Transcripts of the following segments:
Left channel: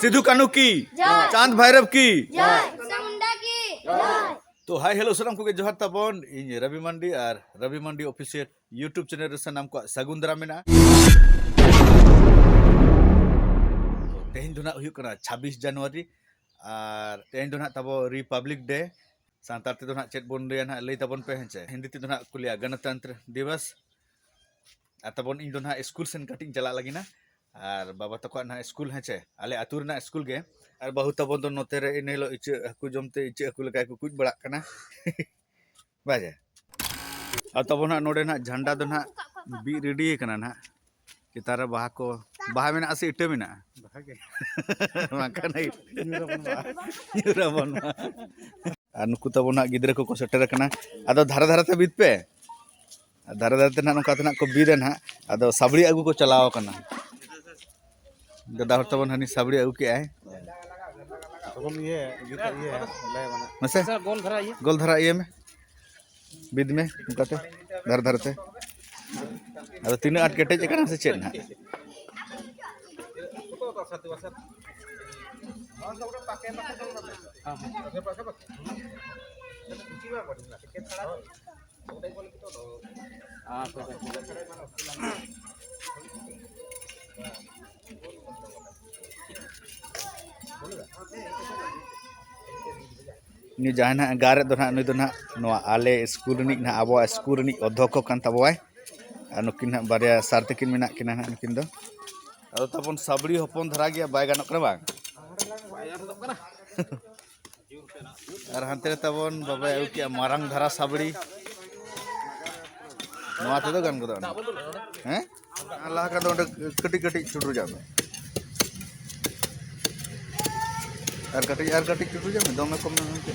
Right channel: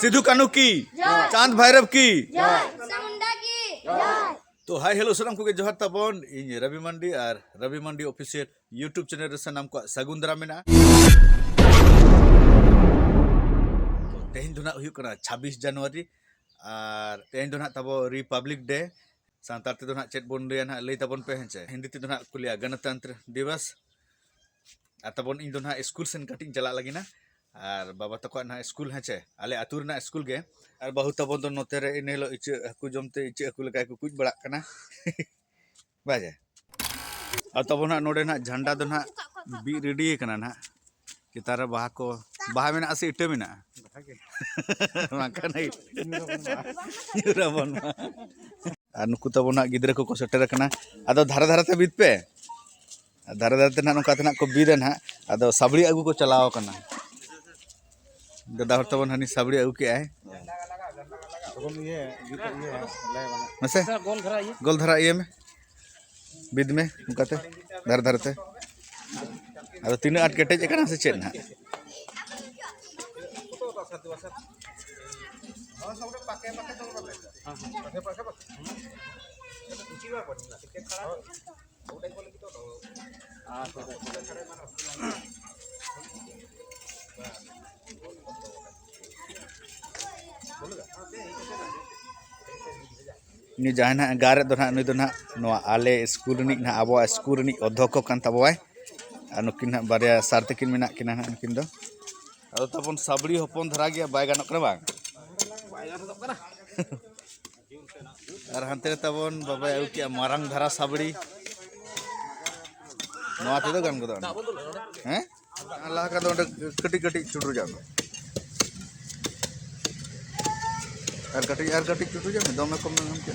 सिद्धू कान्हू की, चांद भैरव की, चामुंडा की। तो हाय हेलो सलाम को जोहार ताबन इन रवि मंडी और रवि मंडी ऑफिशियल यूट्यूब चैनल रे सानाम को सागुन दाराम मेना। तो तेहन दो ना हुयुग कना 26 जनवरी और तेहन दो ना तबो रिपब्लिक डे सांतार ते दो ना चेत बोन रे ना लई ताबन पे हेंचे हिंदी ते दो ना कुलिया गणतंत्र दिवस और तबन इन दो ना स्कूल सेन कटिंग चला लगिना और बाबा तको ना स्कूल हेंचे आले आतुर ना स्कूल गे और बहु तबन तो नोते रे इन हेलो इचे हकु जमते इचे हकु लका को कुछ बड़ा कना बाजे और तब ना नोडे ना झंडा दो ना बी रेडी कना ना चितार बाहा को बाहा मेना से इटे मेना माका नहीं युराबन और नुकु तब ना गिद्रे को सेटर कना आदो धारा धारा ते बीत पे धारा धारा ते ना नोका तना को बीरे ना आदो साबड़ी आगु को चलाओ कना दादा हर तबन हनी साबड़ी आगु के आए मसे गोल धरा ये में बिद में उनकाते धर धरते अरे तीन आठ केटेज एकना से चेन ना नि जहाना गारे दो ना नुई दो ना नोआ आले स्कूल रिनिक ना आबो स्कूल रिनिक अध्यक्ष कान ताबोय आ नुकिन ना बारिया सारते किन मेना किना ना नुकिन दो अदो तबन साबड़ी हपन धरा गया बाय गानक करा बांग और हानते तबन बाबा आउ किया मारंग धरा साबड़ी नोआ ते दो गान गदो हैं अल्लाह का दो कटी कटी चुडरू जानो और कटी चुटू जामे दमे कम हम के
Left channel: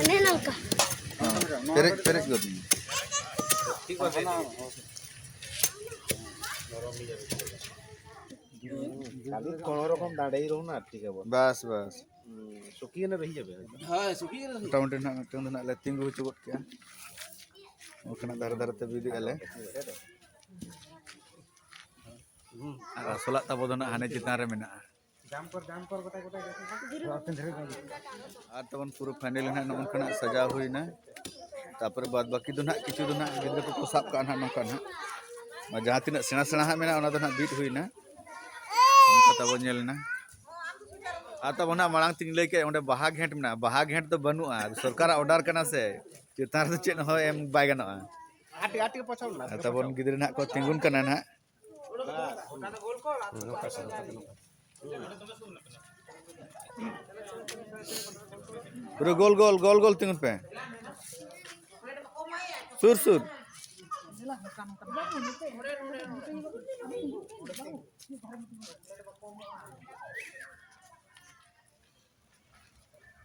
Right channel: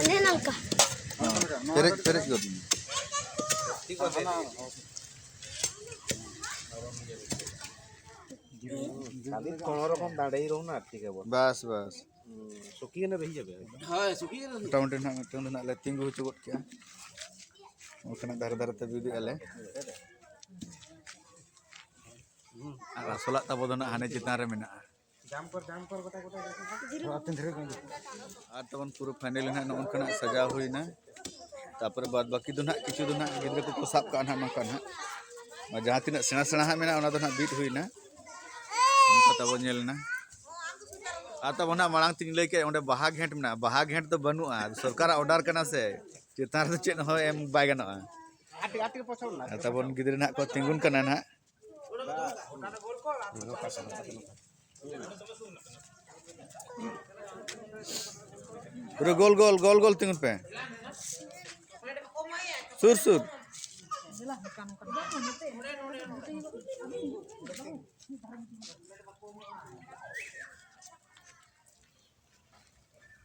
अने नंका पेरेज पेरेज गद ठीक है खाली कोन रकम दाड़ाई रहू ना ठीक है बस बस सुखी ने रही जाबे हां सुखी ने मोटामुटी ना मिटन ना ले तिंगु चुगत के ओकना धर धर ते बिदी आले और असला तब दो ना हाने चितान रे मेना जाम कर गोटा गोटा और तबन पूरा फाइनल ना नोनकना सजा हुईना तापर बाद बाकी दो ना किछु दो ना गिद्र को साब का ना नोका ना जहां तिना सेना सेना हा मेना ओना दो ना बीट हुईना उनका तब नेलना आ तब ना मांग तिन ले के ओंडे बाहा घेंट मेना बाहा घेंट तो बनुआ सरकार ऑर्डर कना से चितान तो चेन हो एम बाय गना आटी आटी के पछौ ना तबन गिद्र ना को तिंगुन कना ना पूरा गोल गोल गोल गोल तिंगुन पे सुर सुर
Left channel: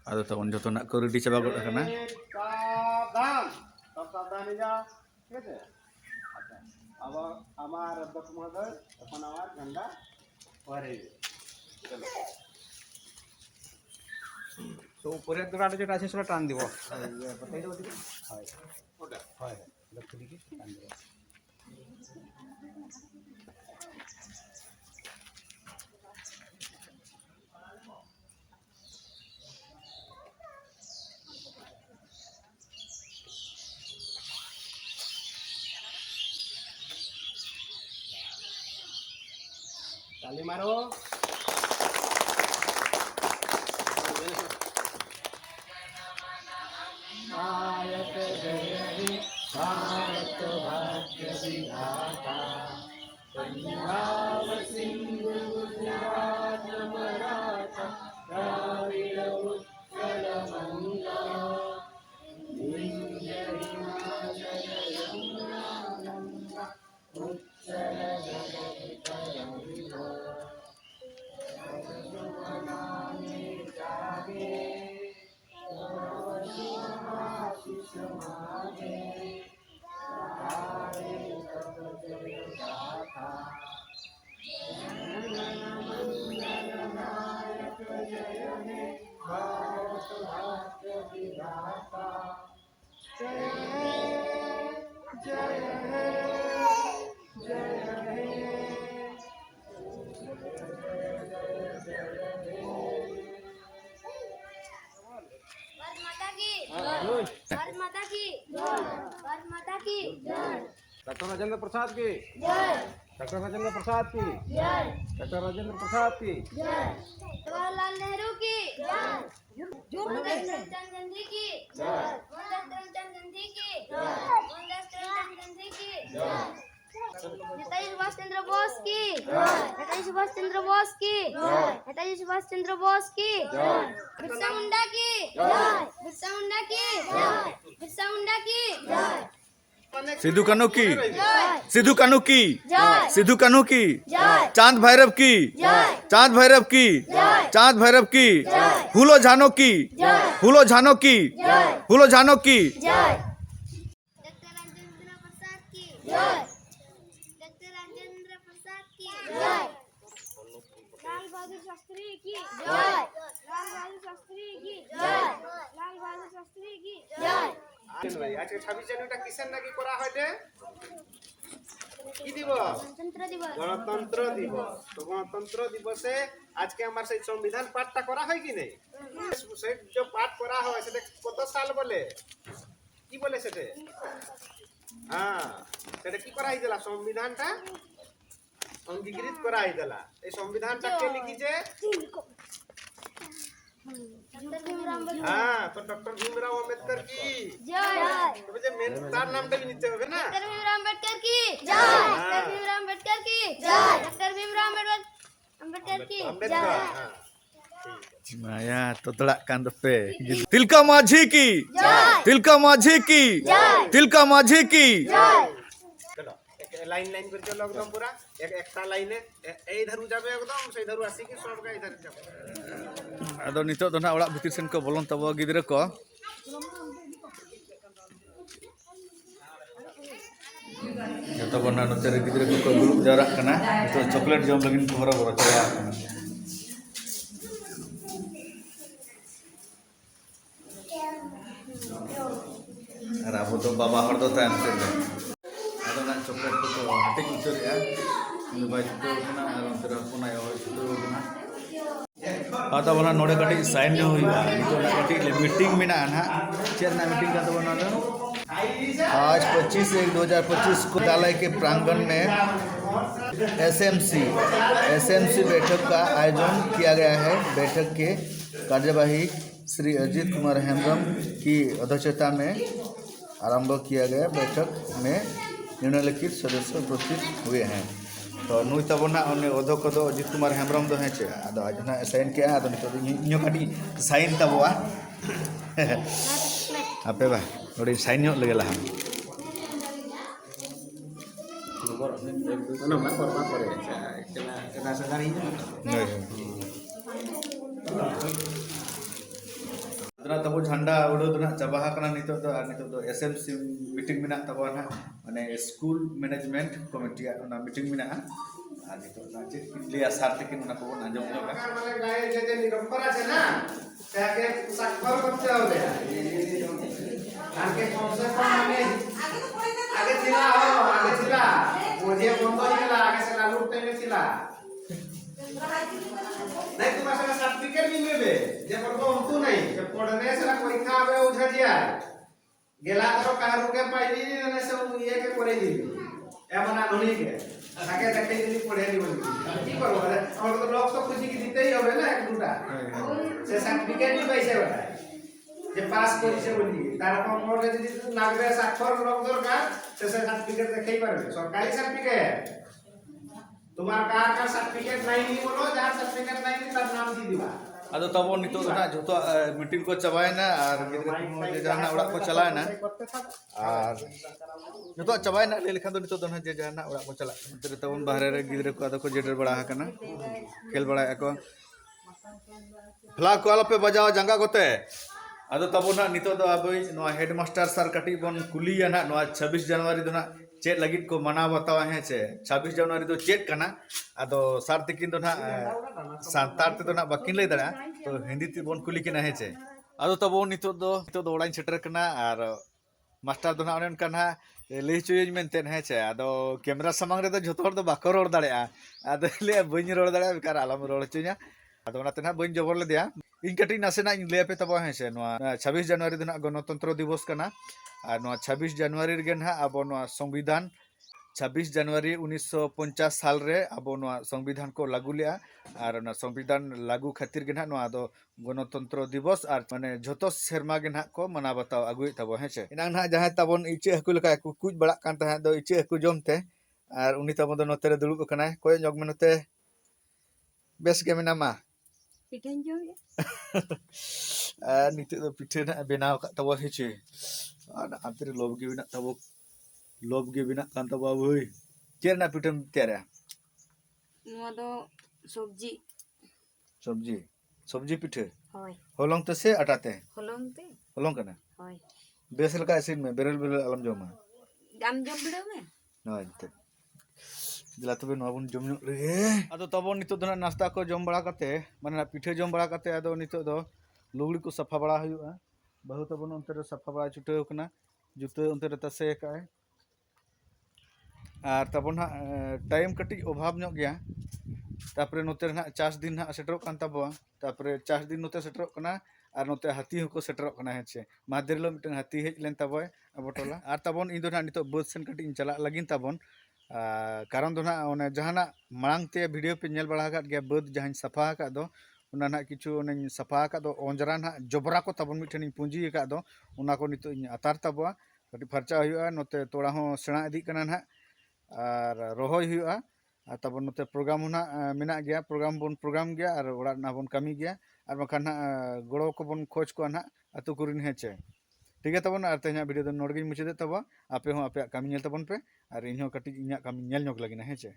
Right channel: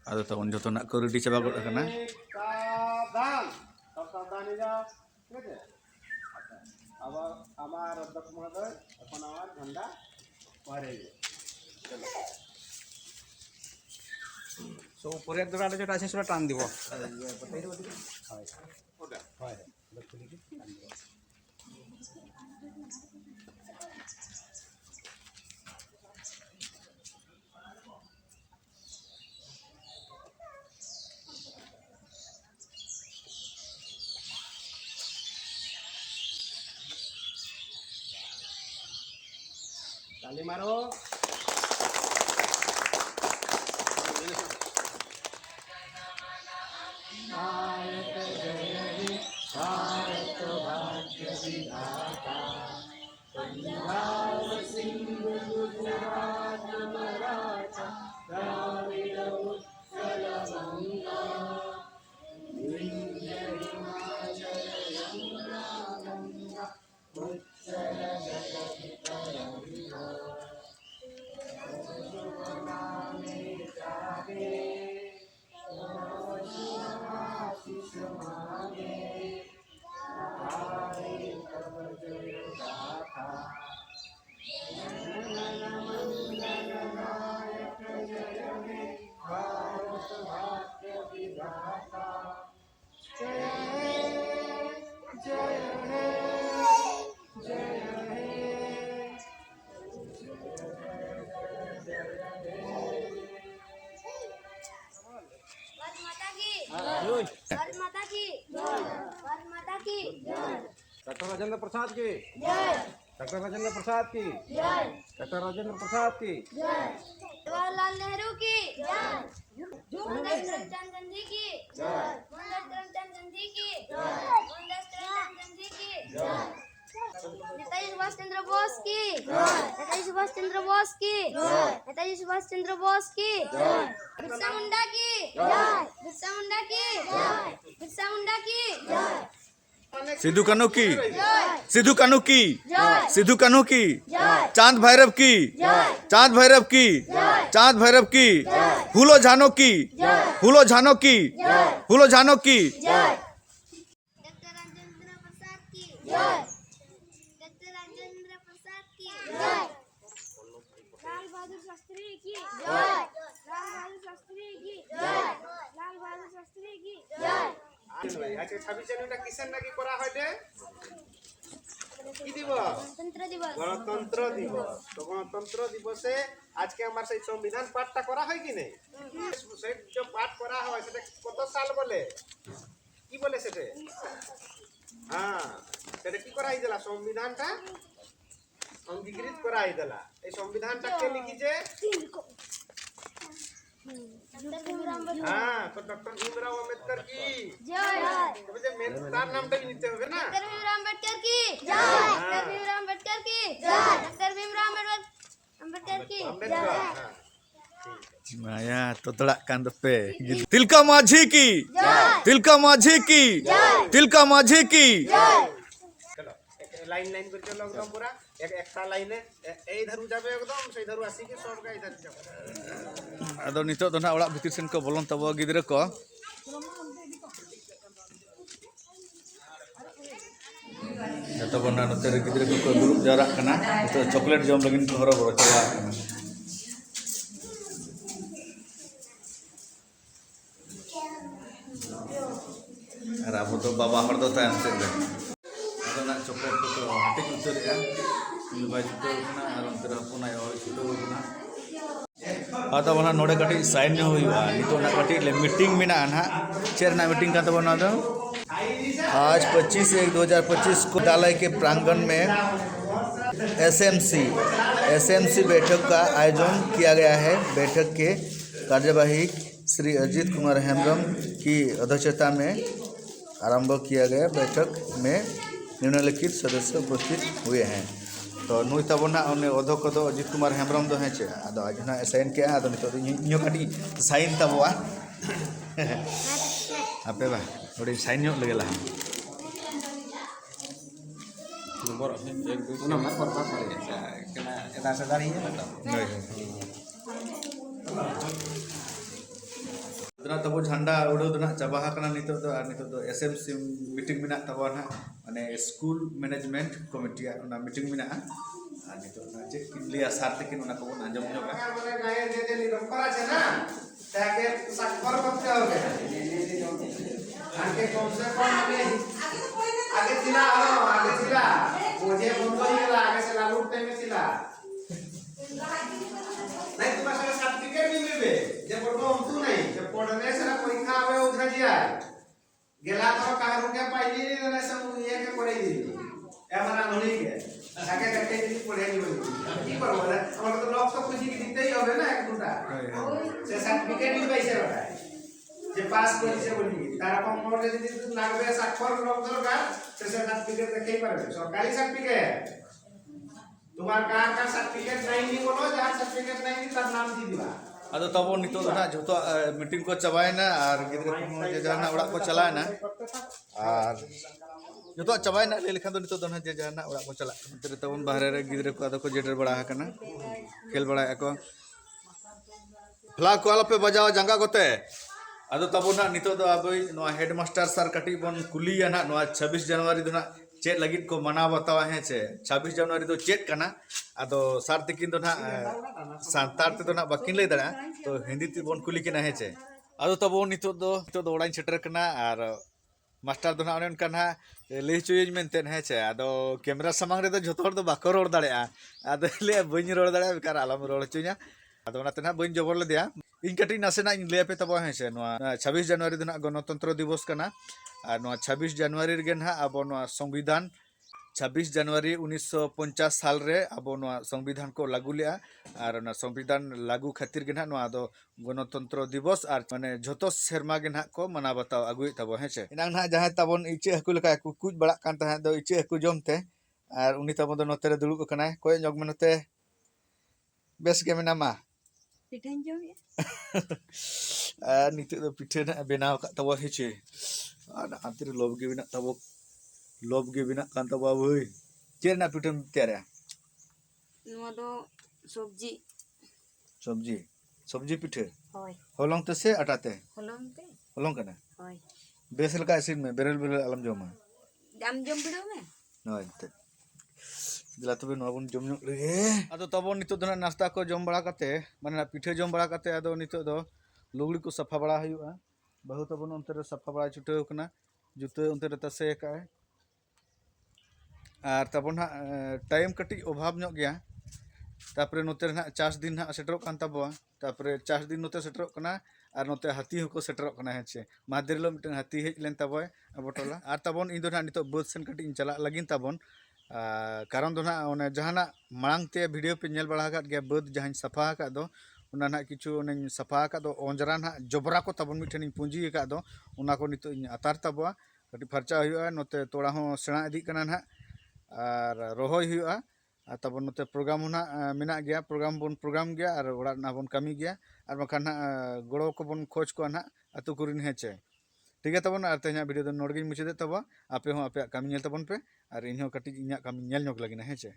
आदो तो उन जतो ना को रेडी चाबा गड कना सावधान सब सावधान हो जाओ ठीक है अब हमार अध्यक्ष महोदय अपन हमार झंडा फहराइए चलो सो पूरे दुराडे जो আছে সেটা টান দিব বতাই দাও দিকে হয় ওটা হয় লক্ষ্য দিকে টান দিব ताली मारो भारत जय भारत भाग्य विधाता पंजाब सिंध गुजरात मराठा द्राविड़ उत्कल गंगा विंध्य हिमाचल यमुना गंगा उत्कल जगत तरंगा नामे जागे आशीष मांगे तारे तब जय गाथा मंगल मंगल डॉक्टर राजेंद्र प्रसाद की डॉक्टर राजेंद्र प्रसाद की डॉक्टर राजेंद्र प्रसाद की जवाहरलाल नेहरू की मोहनदास करमचंद गांधी की मोहनदास करमचंद गांधी की मोहनदास करमचंद गांधी की नेताजी सुभाष चंद्र बोस की नेताजी सुभाष चंद्र बोस की नेताजी सुभाष चंद्र बोस की बिरसा मुंडा की बिरसा मुंडा की बिरसा मुंडा की सिद्धू कान्हू की जय सिद्धू कान्हू की जय सिद्धू कान्हू की जय चांद भैरव की चांद भैरव की चांद भैरव की फूलो झानो की फूलो झानो की फूलो झानो की जय डॉक्टर राजेंद्र प्रसाद की जय डॉक्टर राजेंद्र प्रसाद की जय लाल बहादुर शास्त्री की जय लाल बहादुर शास्त्री की जय लाल बहादुर शास्त्री की जय আজকে 26 জানুয়ারিটা কিসের নাকি করা হয়েছে কি দিবস गणतंत्र दिवस গণতন্ত্র দিবস তো গণতন্ত্র দিবসে আজকে আমার সেই সংবিধান পাঠটা করা হয় কি নেই সেই যে পাঠ করা হয় সেটা কত সাল বলে কি বলে সেটা হ্যাঁ সেটা কি করা হয়েছিল সংবিধানটা অঙ্গীকৃত করা হয়েছিল এই সংবিধানটা কে লিখেছে डॉक्टर भीमराव अम्बेडकर হ্যাঁ তো ডক্টর ভীমরাও আম্বেদকর কি जय তবে যে মেন তার নামটা भी নিতে হবে না डॉक्टर भीमराव अम्बेडकर की जय डॉक्टर भीमराव अम्बेडकर की जय डॉक्टर भीमराव अम्बेडकर की আম্বেদকর जय হ্যাঁ Maya totolak kan tepe. Tilka माझी की तिलका माझी की तिलका माझी की चलो एक लाइन लाइन कर चलो एकदम पूरा एक एकटा लाइने এই ধারু যাবে একদম সেই ধারু আসি কি সব গাই ধারু যাবে ᱟᱫᱚ ᱱᱤᱛᱚᱜ ᱫᱚ ᱱᱟᱜ ᱚᱲᱟᱜ ᱵᱷᱤᱛᱤᱨ ᱥᱮᱱ ᱠᱚ ᱵᱚᱞᱚᱱ ᱛᱟᱵᱚ ᱜᱤᱫᱽᱨᱟᱹ ᱠᱚ ᱡᱚᱛᱚ ᱵᱚᱱ ᱱᱚᱛᱮ ᱨᱮ ᱜᱤᱫᱽᱨᱟᱹ ᱠᱚᱠᱚ ᱫᱩᱲᱩᱵ ᱡᱟᱣᱨᱟᱜ ᱠᱟᱱᱟ ᱱᱤᱛᱚᱜ ᱪᱚᱠᱞᱮᱴ ᱡᱚᱢ ᱞᱟᱹᱜᱤᱫ ᱠᱚ ᱦᱚᱨᱚᱵᱚᱨᱚ ᱪᱟᱞᱟᱜ ᱠᱟᱱᱟ ᱟᱨ ᱟᱵᱚ ᱫᱚ ᱵᱟᱵᱟ ᱦᱚᱲ ᱫᱚ ᱛᱟᱭᱚᱢ ᱥᱮᱫ ᱨᱮ ᱟᱫᱚ ᱱᱟᱜ ᱪᱚᱠᱞᱮᱴ ᱠᱚᱠᱚ ᱦᱟᱹᱴᱤᱧ ᱩᱛᱟᱹᱨᱮᱜᱼᱟ ᱩᱱᱤ ᱵᱟᱭ ᱪᱷᱩᱴᱟᱹᱣ ᱠᱟᱱᱟ ᱟᱨ ᱚᱱᱛᱮ ᱨᱮ ᱦᱚᱯᱚᱱᱟᱭ ᱦᱚᱲ ᱪᱷᱩᱴᱟᱹᱣ ᱠᱟᱱᱟ ᱟᱫᱚ ᱚᱱᱟ ᱱᱚᱰᱮ ᱠᱟᱹᱴᱤᱡ ᱥᱟᱭᱤᱱ ᱧᱚᱜ ᱦᱩᱭᱩᱜᱼᱟ ᱱᱤᱛᱚᱜ ᱱᱟᱜ ᱠᱟᱹᱴᱤᱡ ᱢᱤᱴᱤᱝ ᱢᱮᱱᱟᱜᱼᱟ ᱱᱟᱦᱟᱜ ᱪᱮᱫ ᱨᱮᱱᱟᱜ ᱢᱤᱴᱤᱝ ᱠᱟᱱ ᱛᱟᱵᱚᱱᱟ ᱫᱚ आज 25/1/2025 को विद्यालय के प्रांगण में एसएमसी बैठक का आयोजन किया गया है। बैठक के कार्यवाही श्री अजीत कुमार हेम्ब्रम की अध्यक्षता में आरंभ किया गया। बैठक में निम्नलिखित सदस्य उपस्थित हुए हैं। तो नुई तबना अध्यक्ष को अजीत कुमार हेम्ब्रम दो हैं आदो आज ना साइन के आदो नितो इनो कटी साइन तबवा आपे बा नोडी साइन ᱧᱚᱜ ᱞᱮᱜᱮ ᱞᱟᱦᱟ ᱟᱫᱚ ᱛᱟᱵᱚ ᱡᱷᱟᱱᱰᱟ ᱩᱰᱟᱹᱣ ᱫᱚ ᱱᱟᱜ ᱪᱟᱵᱟ ᱟᱠᱟᱱᱟ ᱱᱤᱛᱚᱜ ᱫᱚ एसएमसी मीटिंग ᱢᱮᱱᱟᱜ ᱛᱟᱵᱚᱱᱟ ᱱᱟᱜ ᱢᱟᱱᱮ स्कूल मैनेजमेंट कमिटी ᱚᱱᱟ मीटिंग ᱢᱮᱱᱟᱜᱼᱟ ᱟᱨ ᱱᱤᱛᱚᱜ ᱱᱟᱜ ᱪᱮᱫ ᱠᱤᱱ ᱞᱟᱹᱭᱟ ᱥᱟᱨ ᱛᱮᱠᱤᱱ ᱚᱱᱟ ᱠᱚᱵᱚᱱ ᱟᱸᱡᱚᱢ ᱧᱚᱜᱟ মানে গায়ে যে যে নিরক্ষর আছে না তাকে স্বাক্ষর করতে হবে আগে কমসে কম আগে ছিল আগে ছিল বুঝে বন্ধ হয়ে গেল আগে সে লালুর টাইমে ছিল नहीं तुम्हारे सारा सर्टिफिकेट भी मिलबे जे पढ़बो हम तू नहीं जे पढ़ने से परीक्षा आवे उधर जिया गेला तो काहरू के पाइली ने से ये के पढ़े दी ए मना नोनी के आगे देखे दी पढ़े नहीं बोली की करबो और तो लोग सब खुशी की दिते ही होबे ना एक दूटा से सर्टिफिकेट भी पैसे होता जे पास করেছে বলি তার কম্পাউন্ডে যদি লাগবে স্বাক্ষর লোক দরকার সে সার্টিফিকেট দেখাই পারবে সরকারি সার্টিফিকেট तुम्हार का सर्टिफिकेट नहीं बोलो जहां सर्टिफिकेट नहीं तार नाम दी दिबा ᱟᱫᱚ ᱛᱟᱵᱚ ᱱᱤᱛᱚᱜ ᱫᱚ ᱱᱟᱜ ᱡᱚᱛᱚ ᱢᱤᱴᱤᱝ ᱠᱚ ᱪᱟᱵᱟᱭᱮᱱᱟ ᱟᱨ ᱜᱤᱫᱽᱨᱟᱹ ᱠᱚ ᱡᱮ ᱡᱟᱦᱟᱱᱟᱜ ᱚᱲᱟᱜ ᱠᱚ ᱪᱟᱞᱟᱣᱮᱱᱟ ᱟᱨ ᱡᱚᱛᱚᱣᱟᱜ ᱪᱟᱵᱟᱭᱮᱱᱟ ᱞᱟᱹᱭ ᱞᱮᱠᱷᱟᱱ ᱫᱚ ᱱᱤᱛᱚᱜ ᱫᱚ ᱱᱟᱜ ᱡᱮ ᱡᱟᱦᱟᱱᱟᱜ ᱚᱲᱟᱜ ᱠᱚ ᱪᱟᱞᱟᱜ ᱠᱟᱱᱟ ᱚᱱᱛᱮ ᱨᱮ ᱛᱟᱵᱚᱱ ᱵᱟᱦᱨᱮ ᱨᱮ ᱜᱤᱫᱽᱨᱟᱹ ᱠᱚ ᱟᱫᱚ ᱠᱚ ᱡᱮᱰᱮᱨ ᱵᱟᱲᱟ ᱟᱠᱟᱱᱟ ᱠᱷᱮᱞ ᱵᱟᱲᱟᱭ ᱟᱠᱚ ᱯᱷᱞᱟᱜ ᱠᱚ ᱟᱞᱚᱯᱮ ᱵᱟᱡᱟᱣᱟ ᱡᱟᱸᱜᱟ ᱠᱚᱛᱮ ᱟᱫᱚ ᱛᱟᱵᱚᱱ ᱱᱟᱜ ᱱᱤᱛᱚᱜ ᱫᱚ ᱟᱵᱚ ᱱᱚᱣᱟ ᱦᱮᱰ ᱢᱟᱥᱴᱟᱨ ᱥᱟᱨ ᱠᱟᱹᱴᱤᱡ ᱵᱚᱱ ᱠᱩᱞᱤᱭᱟ ᱱᱟᱜ ᱱᱚᱣᱟ 26 ᱡᱟᱱᱩᱣᱟᱨᱤ ᱫᱚ ᱱᱟᱜ चेक लगित को मना बतावा है चे 26 जनवरी तो चेक करना अदो सार तकिन दो ना सांतार ते दो ना बाकिन ले दड़ा तो हिंदी ते बोन कुली किना है चे अदो तबो नितो दो ओडाइन सेटर कना और मास्टर दो ना ओने उनका ना ले चुयज मेनते है चे अदो कैमरा सामंग रे दो जतो हर दो बाको रोड दड़े अदो ले बइन रोड दड़े बेकार आलम रोड चुया अदो ना ते ना बइन जबर ले दिया इन कटी नासेना इन लय पे तब हैं से 26 जनवरी दिन गणतंत्र दिवस कना और 26 जनवरी रे ना अब संविधान 26 जनवरी 1950 साल रे अब संविधान को लागू लिया और संविधान लागू खातिर के ना दो गणतंत्र दिवस और माने झोतो सेरमा के ना को मना बताओ अगुई तब हैं से इनांग ना जहां तबन इचे हकु लका कुछ बड़ा कान तहा दो इचे हकु जमते और उनी तब दो नोते रे दुड़ुब कनाय कोय जग में नोते बेस के मेनामा पिठन जो ये नित दो पिठे ना बनाव का तब हेचे आंतर लोभ के बिना तब लोभ के बिना कान तब भाई चेर ना पिठम तेरा नुआ दो सब्जी सब्जी सब्जी पिठे होय होलोंग तो से अटाते होलंते होलोंग कना होय बेस लका इसिन में बेरल बेरल अलम जोमा जाम जम बिड़ो में नय ते दिला तबे नो बन जम ᱧᱚᱜ ᱞᱮᱜᱮ ᱟᱫᱚ ᱛᱟᱵᱚᱱ ᱱᱤᱛᱚᱜ ᱫᱚ ᱱᱟᱥᱛᱟ ᱠᱚ ᱡᱚᱢ ᱵᱟᱲᱟ ᱠᱟᱛᱮ ᱢᱟᱱᱮ ᱯᱤᱴᱷᱟᱹ ᱡᱚᱢ ᱵᱟᱲᱟ ᱠᱟᱛᱮ ᱟᱫᱚ ᱱᱤᱛᱚᱜ ᱫᱚ ᱞᱩᱜᱲᱤ ᱠᱚ ᱥᱟᱯᱷᱟ ᱵᱟᱲᱟ ᱦᱩᱭᱩᱜᱼᱟ ᱵᱟᱹᱦᱩ ᱛᱟᱵᱚᱱ ᱚᱱᱛᱮ ᱨᱮ ᱥᱟᱯᱷᱟ ᱵᱟᱲᱟ ᱪᱩᱴᱟᱹᱣ ᱠᱟᱱᱟ ᱡᱩᱛᱟᱹ ᱚᱱᱛᱮ ᱨᱮ ᱛᱟᱥᱮ ᱟᱠᱟᱜᱼᱟᱭ ᱟᱨ ᱛᱟᱵᱚᱱ ᱦᱟᱸᱜ ᱴᱟᱭᱤᱢ ᱠᱟᱹᱴᱤᱡ ᱚᱵᱷᱟᱵ ᱧᱚᱜ ᱜᱮᱭᱟ तापरे नोते रे ना चास दिन ना सेटरोक कान ताबोआ तापरे चास दिन नोते सेटरोक कना और नोते हाथी हको सेटरोक कना हेचे मादेरलो मिटन हाथी हेज लेन ताबोय अबोटोला और ताबोन इन दो ना नितो बद सेन कटी चला लगिन ताबोन कारण दो ना ओने जहाना मांग ते वीडियो पे नेल बड़ा का गया बद जहां सफा का दो उना ना किछु ओने सफा का दो ओंजरा ना जबरा को ताबोन मिटन पुंजी का दो उना को नितो अतार ताबोआ कटी फरचा हुआ नोते तोड़ा हो सेणा इदी कना ना और रोहय हुआ तब नोते प्रोग्राम होना मेना गया प्रोग्राम बन प्रोग्राम गया और ओड़ा ना बन कमी गया और बखान ना गड़ो को बन खोज को ना अतु कुरिन हेचे ठीक है तबन और तेना वीडियो दो नोडगिन मुचे दे तब आपे हो आपे कमी नेल तबन पे और इन हो कटी इना कमी नेल नोक लगिना हेचे